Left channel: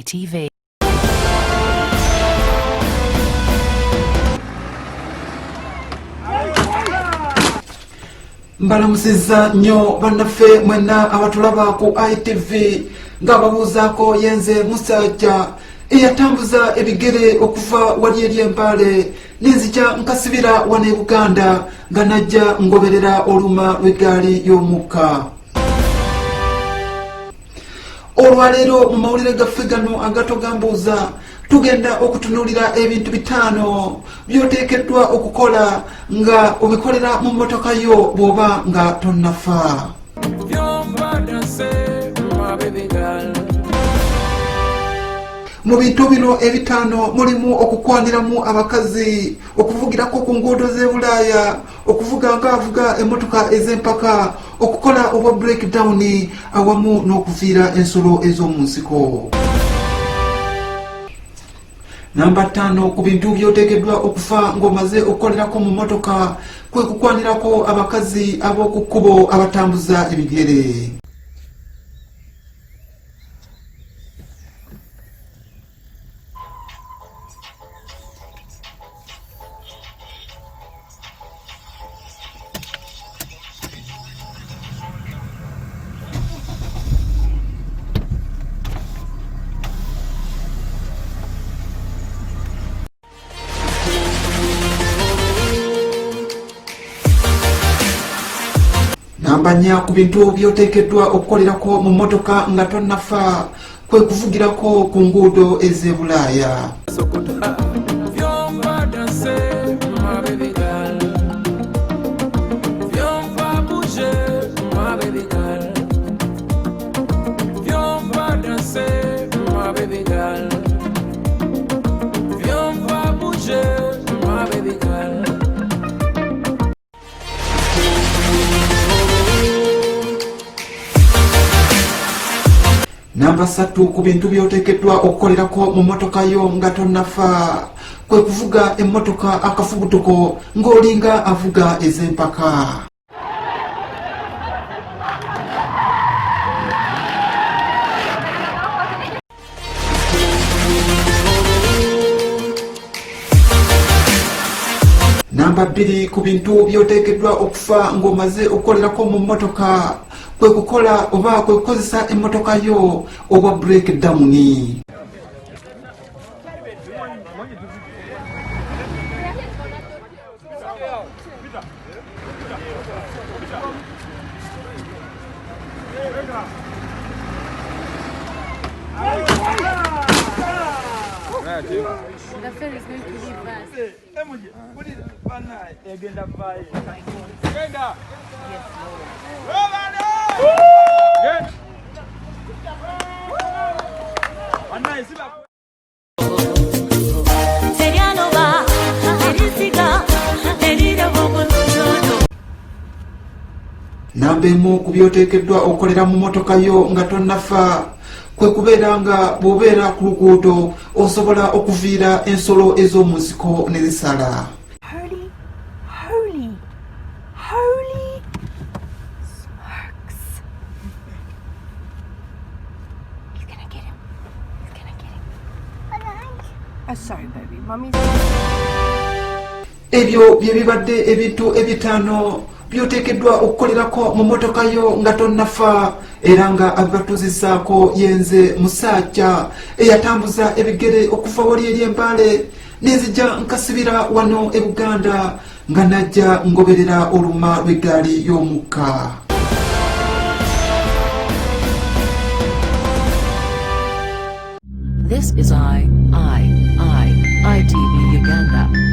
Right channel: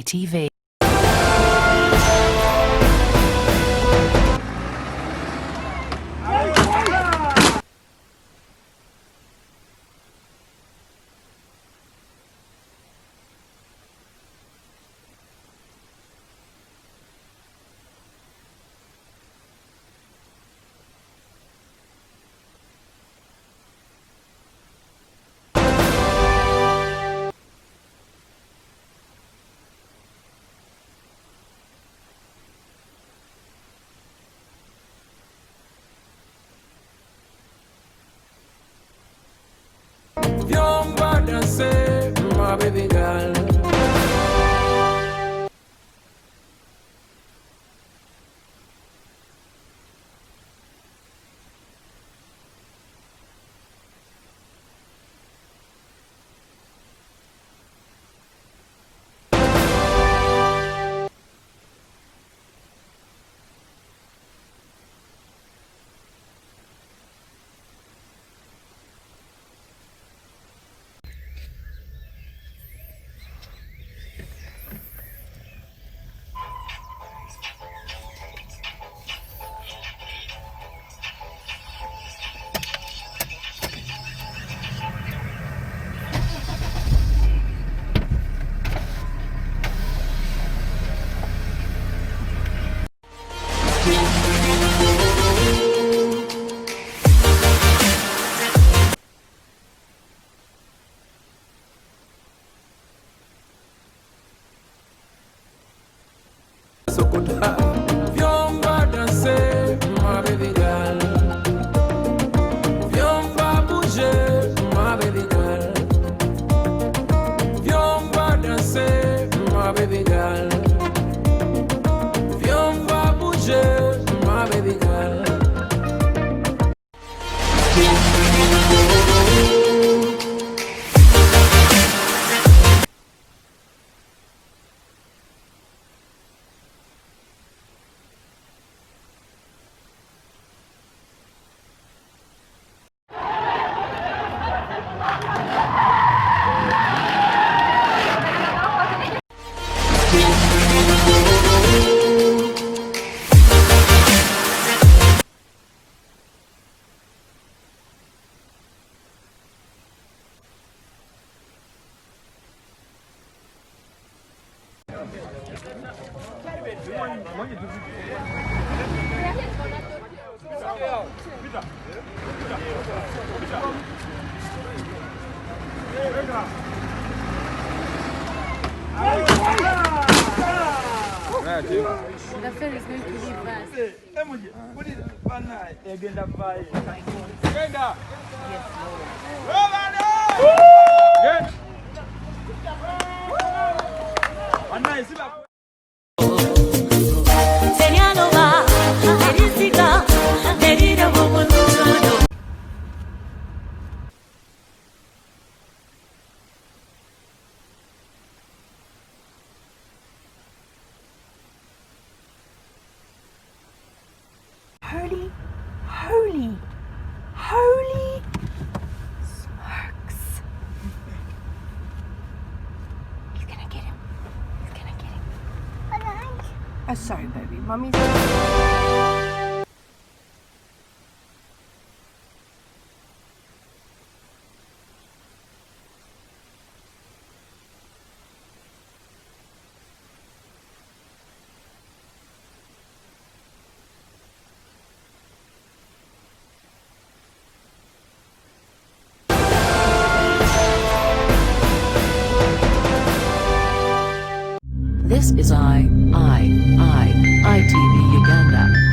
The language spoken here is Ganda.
ITV. Mbalamusiza nnyo bannaffe mwenna abatulaba ku ITV ng'ababuuzaako yenze musajja eyatambuza ebigere okuva wali eri Empale n'enzija nkasibira wano e Buganda nga najja ngoberera oluma lw'eggaali y'omukka. Olwaleero mu mawulire gaffe gano agatogambuuza tugenda okutunuulira ebintu 5 by'oteekeddwa okukola nga obikolera mu mmotoka yo bw'oba nga tonnafa. Mu bintu bino ebitaano mulimu okukwaniramu abakazi, okuvugirako ku nguudo z'e Bulaaya, okuvuga ng'avuga emmotoka ez'empaka, okukola obwa breakdown awamu n'okuviira ensolo ez'omu nsiko. Namba 5 ku bintu by'oteekeddwa okufa ng'omaze okukolerako mu mmotoka kwe kukwanirako abakazi ab'oku kkubo abatambuza ebigere. Namba 4 ku bintu by'oteekeddwa okukolerako mu mmotoka nga tonnafa kwe kuvugirako ku nguudo ez'e Bulaaya. Namba 3 ku bintu by'oteekeddwa okukolerako mu mmotoka yo nga tonnafa kwe kuvuga emmotoka akafubutuko ng'olinga avuga ez'empaka. Namba 2 ku bintu by'oteekeddwa okufa ng'omaze okukolerako mu mmotoka kwe kukola oba kwe kukozesa emmotoka yo obwa breakdown. The ferry is going to leave us. Namba 1 ku by'oteekeddwa okukolera mu mmotoka yo nga tonnafa kwe kubeera nga bw'obeera ku luguudo osobola okuviira ensolo ez'omu nsiko ne zisala. Holy, holy, holy smokes. He's gonna get him. He's gonna get him. Oh, sorry, baby. Mommy's... Ebyo bye bibadde ebintu 5 by'oteekeddwa okukolerako mu mmotoka yo nga tonnafa era nga abibatuuzizaako yenze musajja eyatambuza ebigere okuva wali eri Empale n'enzija nkasibira wano e Buganda nga najja ngoberera oluma lw'eggaali y'omukka. This is ITV Uganda.